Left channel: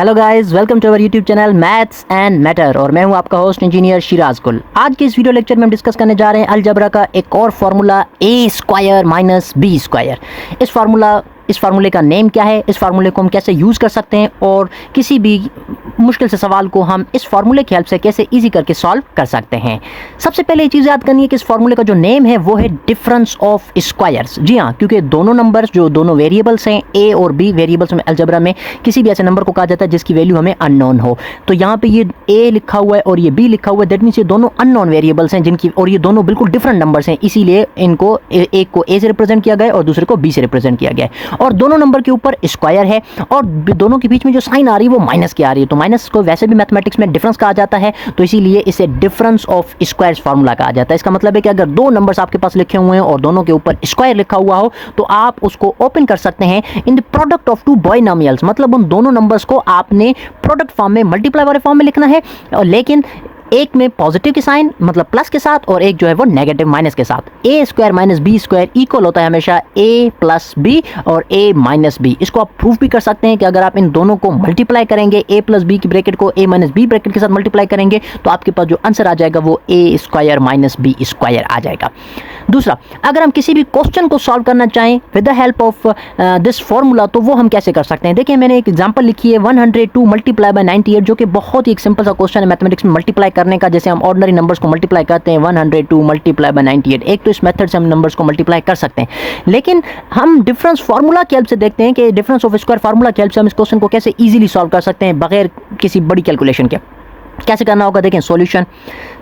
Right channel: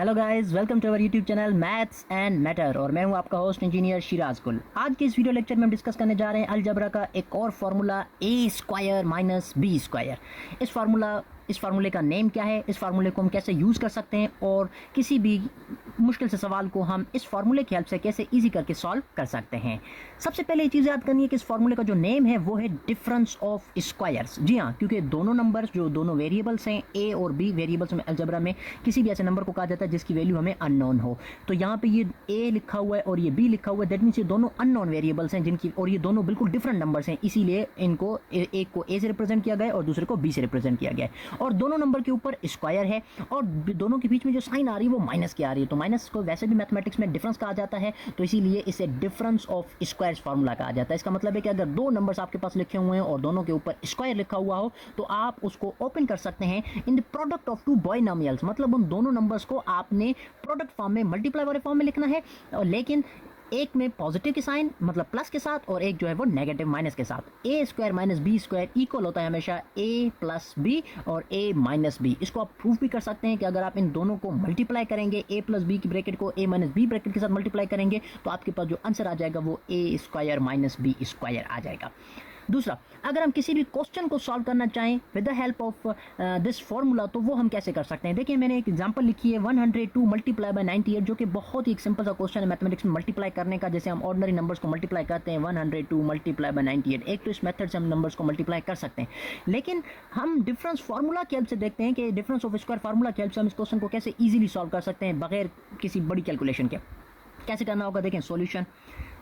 Hello guys, welcome to our YouTube channel maths and matter और मैं हूं आपका होस्ट इंजीनियर शिराज कुल। आज के इस वीडियो लेक्चर में हम डिस्कस करने जा रहे हैं अलजबरा का एक और फार्मूला ए स्क्वायर माइनस बी स्क्वायर। इस फार्मूले का नेम क्या है, इस फार्मूले को हम कैसे यूज़ कर सकते हैं और किसी भी मुश्किल से सवाल को हम इस फार्मूले की हेल्प से कैसे इजी करके सॉल्व कर सकते हैं। सबसे पहले ये चीज़ याद करनी है कि इस फार्मूले का जो नेम है वो है डिफरेंस ऑफ स्क्वायर्स। जी हाँ, क्योंकि दोनों नंबर्स जो दोनों वेरिएबल्स हैं ए और बी वेरिएबल्स में अलजबरा में किसी भी ऐसे नंबर को कहा जाता है जिसकी वैल्यू हमें अननोन हो। तो यहाँ पे ये ए लिखा हुआ है और ये बी लिखा हुआ है, दैट मीन्स ये दोनों अननोन वेरिएबल्स हैं जिनकी, और ये दोनों बिल्कुल डिफरेंट नंबर्स हैं, इसीलिए इनको एक को ए से रिप्रेजेंट किया गया है और दूसरे को बी से रिप्रेजेंट किया गया है। और दोनों नंबर के ऊपर स्क्वायर है और दोनों के बीच में जो साइन आ रही है वो माइनस की आ रही है। तो माइनस को वैसे भी मैथमेटिक्स में डिफरेंस कहा जाता है, तो इसीलिए इसे डिफरेंस ऑफ स्क्वायर्स फार्मूला कहा जाता है। इसका मतलब है कि अगर दो नंबर्स आपके पास लिखे हुए हैं और दोनों के ऊपर स्क्वायर लिखा हुआ हो तो आप उसको ओपन कर सकते हैं in the product of two binomials. मतलब उन दोनों नंबर्स को आपने प्रोडक्ट फॉर्म में, मल्टीप्लाई वाले फॉर्म में लिखना है, और लेकिन एक में पॉजिटिव के साइन मतलब प्लस के साथ और एक जो है वो नेगेटिव माइनस के साथ। A square minus B square equal होता है हमेशा ए प्लस बी और ए माइनस बी। इसको आप प्रूफ भी कर सकते हैं कि अगर आप इन दोनों को मल्टीप्लाई करेंगे, ए प्लस बी की ब्रैकेट को ए माइनस बी ब्रैकेट के साथ मल्टीप्लाई करेंगे तो आपके पास जो आंसर आ जाएगा वो ए स्क्वायर माइनस बी स्क्वायर आ जाएगा। दूसरा, अगर हम किसी भी क्वेश्चन को सॉल्व करना चाहें with the help of this formula तो वो हम कैसे कर सकते हैं। देखिए, मैंने एक एग्जांपल लिखी है 102 मल्टीप्लाई बाय 98, जो कि बहुत ही एक सिंपल सा क्वेश्चन है मैथमेटिक्स में मल्टीप्लाई करने का, जैसे हम ऑर्डिनरी नंबर्स को मल्टीप्लाई करते हैं 102 मल्टीप्लाई बाय 98। एक तो इस मेथड से हम नंबर्स को मल्टीप्लाई कर सकते हैं, लेकिन हम डिफरेंस फार्मूला की हेल्प से देखते हैं कि डिफरेंस ऑफ स्क्वायर फार्मूला की हेल्प से हम इस क्वेश्चन को कैसे इजीली सॉल्व कर सकते हैं बगैर किसी बड़ी कैलकुलेशन के। कैसे करना होगा, देखें सॉल्यूशन।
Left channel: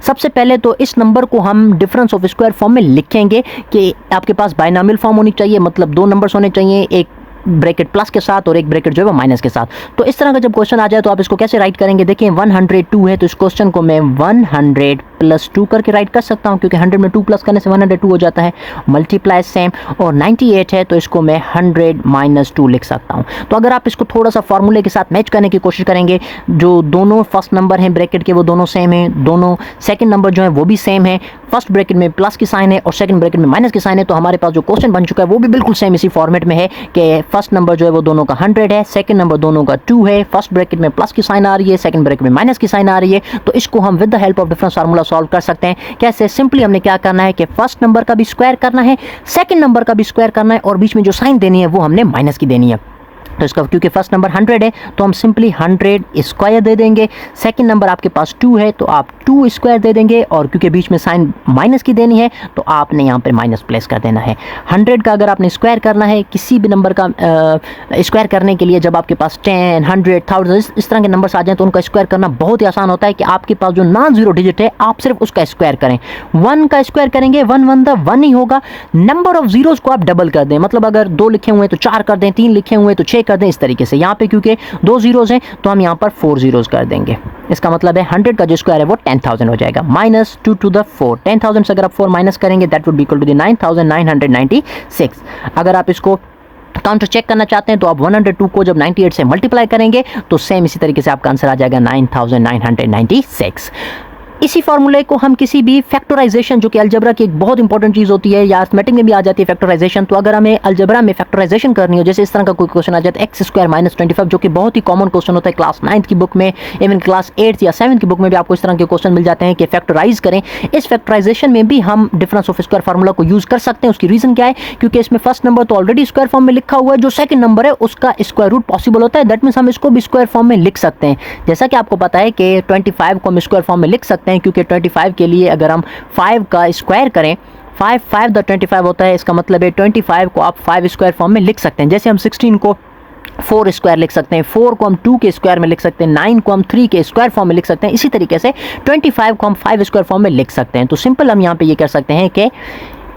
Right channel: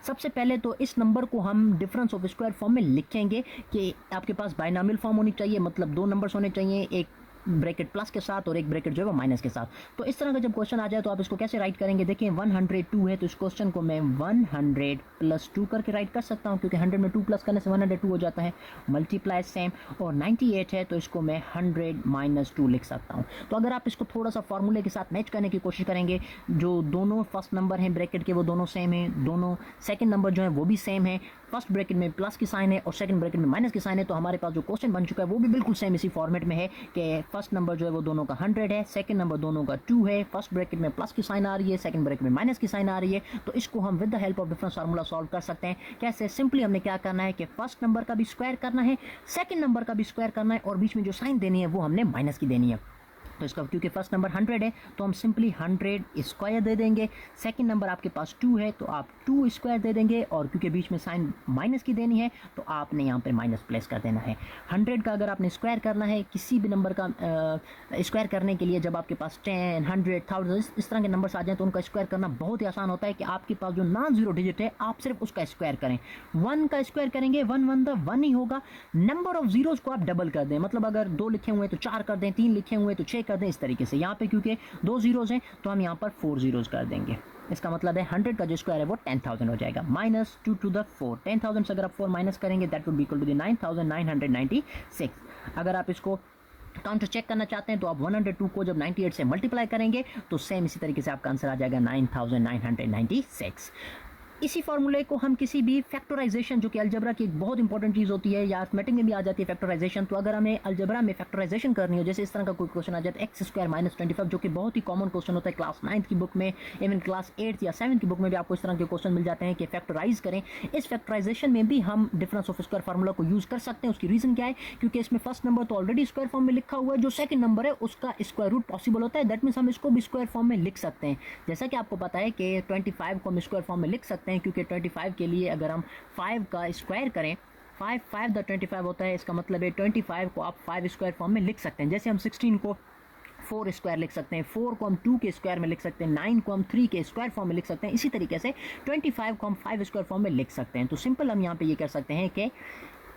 सबसे पहले तो इस नंबर को हम डिफरेंस ऑफ स्क्वायर फॉर्म में लिखेंगे कि आपके पास बाइनोमियल फॉर्म होनी चाहिए, मतलब दो नंबर्स होने चाहिए, एक ब्रैकेट प्लस के साथ और एक ब्रैकेट जो है वो माइनस के साथ। तो इस तरह का जब क्वेश्चन आ जाए तो आप इसको कैसे राइट करेंगे। देखिए 102 है तो इस क्वेश्चन को मैं 100 प्लस 2 करके राइट कर सकता हूँ, क्योंकि 100 में 2 प्लस करने से 102 हो जाता है। मल्टीप्लाई सेम, और 98 है तो इसको मैं 100 माइनस 2 लिख सकता हूँ। तो अगर आप इसको थोड़ा सा फार्मूले के साथ मैच करने की कोशिश करेंगे, जो दोनों फर्स्ट नंबर हैं ब्रैकेट के वो दोनों सेम हैं, दोनों सेकंड नंबर जो है वो भी सेम है, फर्स्ट ब्रैकेट में प्लस की साइन है और सेकंड ब्रैकेट में माइनस की साइन है, तो हमारे पास जो क्वेश्चन बन चुका है वो भी बिल्कुल सेम इसी फॉर्मेट में है कि फर्स्ट नंबर जो है वो दोनों का 100 है, सेकंड नंबर दोनों का 2 है, फर्स्ट ब्रैकेट में प्लस की साइन आ रही है, सेकंड ब्रैकेट में माइनस की साइन आ रही है। तो इसको हम with the help of difference formula solve कर सकते हैं। कैसे? सिंपली हमने क्या करना है कि फर्स्ट नंबर का भी स्क्वायर करना है, सेकंड नंबर का भी स्क्वायर करना है और बीच में जो साइन देनी है वो हमने माइनस की देनी है। तो इसका, क्योंकि फर्स्ट नंबर 100 है तो हम सिंपली 100 स्क्वायर दे देंगे। सेकंड नंबर आपके पास 2 है तो आप 2 स्क्वायर दे देंगे, और क्योंकि बीच में साइन माइनस की देनी है तो आपने यहाँ पे माइनस प्लेस कर देना है। 100 का अगर आपने स्क्वायर करना है, किसी भी नंबर का स्क्वायर करने के लिए जब आपके पास 10, 100, 1000 इस तरह के नंबर्स आ जाएं तो उनका स्क्वायर करना बहुत ही आसान होता है कि आपके पास जो नॉन जीरो डिजिट है आप सिर्फ उसका स्क्वायर करें। 1 का स्क्वायर करेंगे, 1 1 द 1 ही होगा। नंबर ऑफ जीरोस को आप डबल कर दें, मतलब अगर 2 लिखे हुए हैं तो 4 कर दें, 3 लिखे हुए हैं तो 6 कर दें, इस तरीके से। यहाँ पे क्योंकि 2 जीरोस हैं तो हम यहाँ पर 4 जीरोस कर देंगे। इसका मतलब है 100 का जो स्क्वायर है वो 10,000 हो जाएगा, माइनस 2 टू द 4। 10,000 से अगर आप 4 माइनस करेंगे that would be equal to the 9,996। अगर आप इसको काउंटर चेक करना चाहते हैं तो आप 102 को जब 98 से मल्टीप्लाई करेंगे तो सेम इसी तरीके से आपका आंसर आ जाएगा 9,996। इसी फार्मूले को हम किसी भी फैक्टराइजेशन, जो कि अलजबरा की एक बहुत इंपॉर्टेंट चीज़ होती है या अरिथमेटिक में भी आ जाती है फैक्टराइजेशन, तो अगर हमें अलजबरा में फैक्टराइजेशन करनी हो, जैसे इस तरह का कोई क्वेश्चन आ जाता है एक्स स्क्वायर माइनस 25, जो कि बहुत ही कॉमन क्वेश्चन होता है क्लास 9th की बुक में, इवन क्लास 8th या 7th की बुक में भी आपको इस तरह के क्वेश्चन मिल जाते हैं कि फैक्टराइज करें। इस फैक्टराइजेशन में भी हम डिफरेंस ऑफ स्क्वायर फार्मूला को यूज़ कर सकते हैं। उसकी रीज़न क्या है, क्योंकि इसमें फर्स्ट नंबर तो ऑलरेडी स्क्वायर फॉर्म में लिखा हुआ है, जो सेकंड नंबर है उसका स्क्वायर रूट पॉसिबल होता है, दैट मीन्स हम इसको भी स्क्वायर फॉर्म में लिख सकते हैं। जैसा कि आपको पता है कि 25 को हम स्क्वायर फॉर्म में लिख सकते हैं, क्योंकि 25 के लिए अगर हम 5 का स्क्वायर करें, 5 5 द 25 होता है, इसका मतलब है 25 को आप 5 स्क्वायर फॉर्म में लिख सकते हैं। जैसे हम 16 को 4 स्क्वायर लिख सकते हैं, 4 को हम 2 के स्क्वायर में लिख सकते हैं, 9 को हम 3 के स्क्वायर फॉर्म में लिख सकते हैं, इसी तरीके से 25 को हम 5 स्क्वायर फॉर्म में लिख सकते हैं। तो सिंपल हम यहाँ पे ये कर सकते हैं कि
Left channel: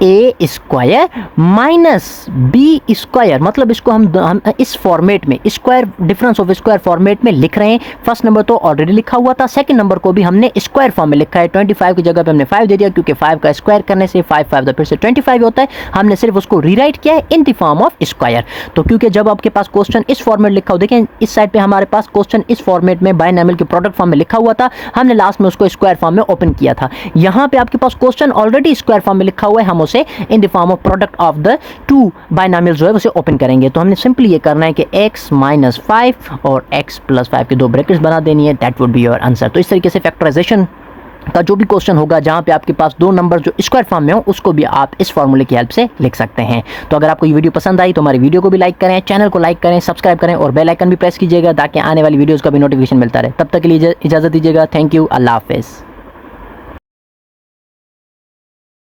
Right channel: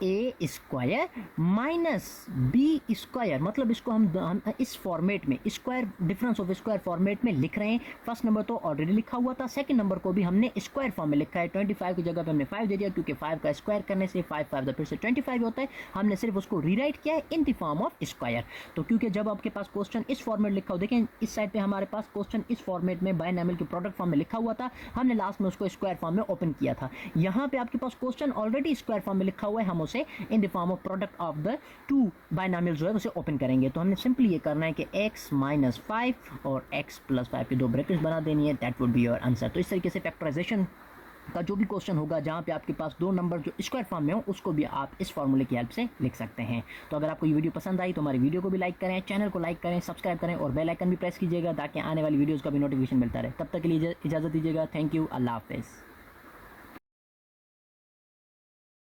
ए स्क्वायर माइनस बी स्क्वायर, मतलब इसको हम इस फॉर्मेट में square difference of square format में लिख रहे हैं। फर्स्ट नंबर तो ऑलरेडी लिखा हुआ था, सेकंड नंबर को भी हमने स्क्वायर फॉर्म में लिखा है। 25 की जगह पे हमने 5 दे दिया, क्योंकि 5 का स्क्वायर करने से 5 5 फिर से 25 होता है। हमने सिर्फ उसको रीराइट किया है in the form of square. तो क्योंकि जब आपके पास क्वेश्चन इस फॉर्मेट लिखा हो, देखें इस साइड पे हमारे पास क्वेश्चन इस फॉर्मेट में बाइनोमियल के प्रोडक्ट फॉर्म में लिखा हुआ था, हमने लास्ट में उसको स्क्वायर फॉर्म में ओपन किया था। यहाँ पे आपके पास क्वेश्चन ऑलरेडी स्क्वायर फॉर्म में लिखा हुआ है, हम उसे in the form of product of the two binomial जो है उसे ओपन करेंगे। तो हमने सिंपली ये करना है कि x माइनस 5 और x प्लस 5 की दो ब्रैकेट्स बना देनी है। That would be your answer. तो इस तरीके से फैक्टराइजेशन का जो भी क्वेश्चन होगा जहाँ पे आपके पास दो नंबर जो स्क्वायर फॉर्म में हो उसको भी आप इस फॉर्मूले की हेल्प से लिख सकते हैं। तो अगर आपको ये वीडियो पसंद आई तो हमारी वीडियो को भी लाइक करें, चैनल को लाइक करें, सब्सक्राइब करें और बेल आइकन भी प्रेस कीजिएगा ताकि आने वाली वीडियोज़ का भी नोटिफिकेशन मिलता रहे। तब तक के लिए इजाज़त दीजिएगा। Thank you. अल्लाह हाफिज़।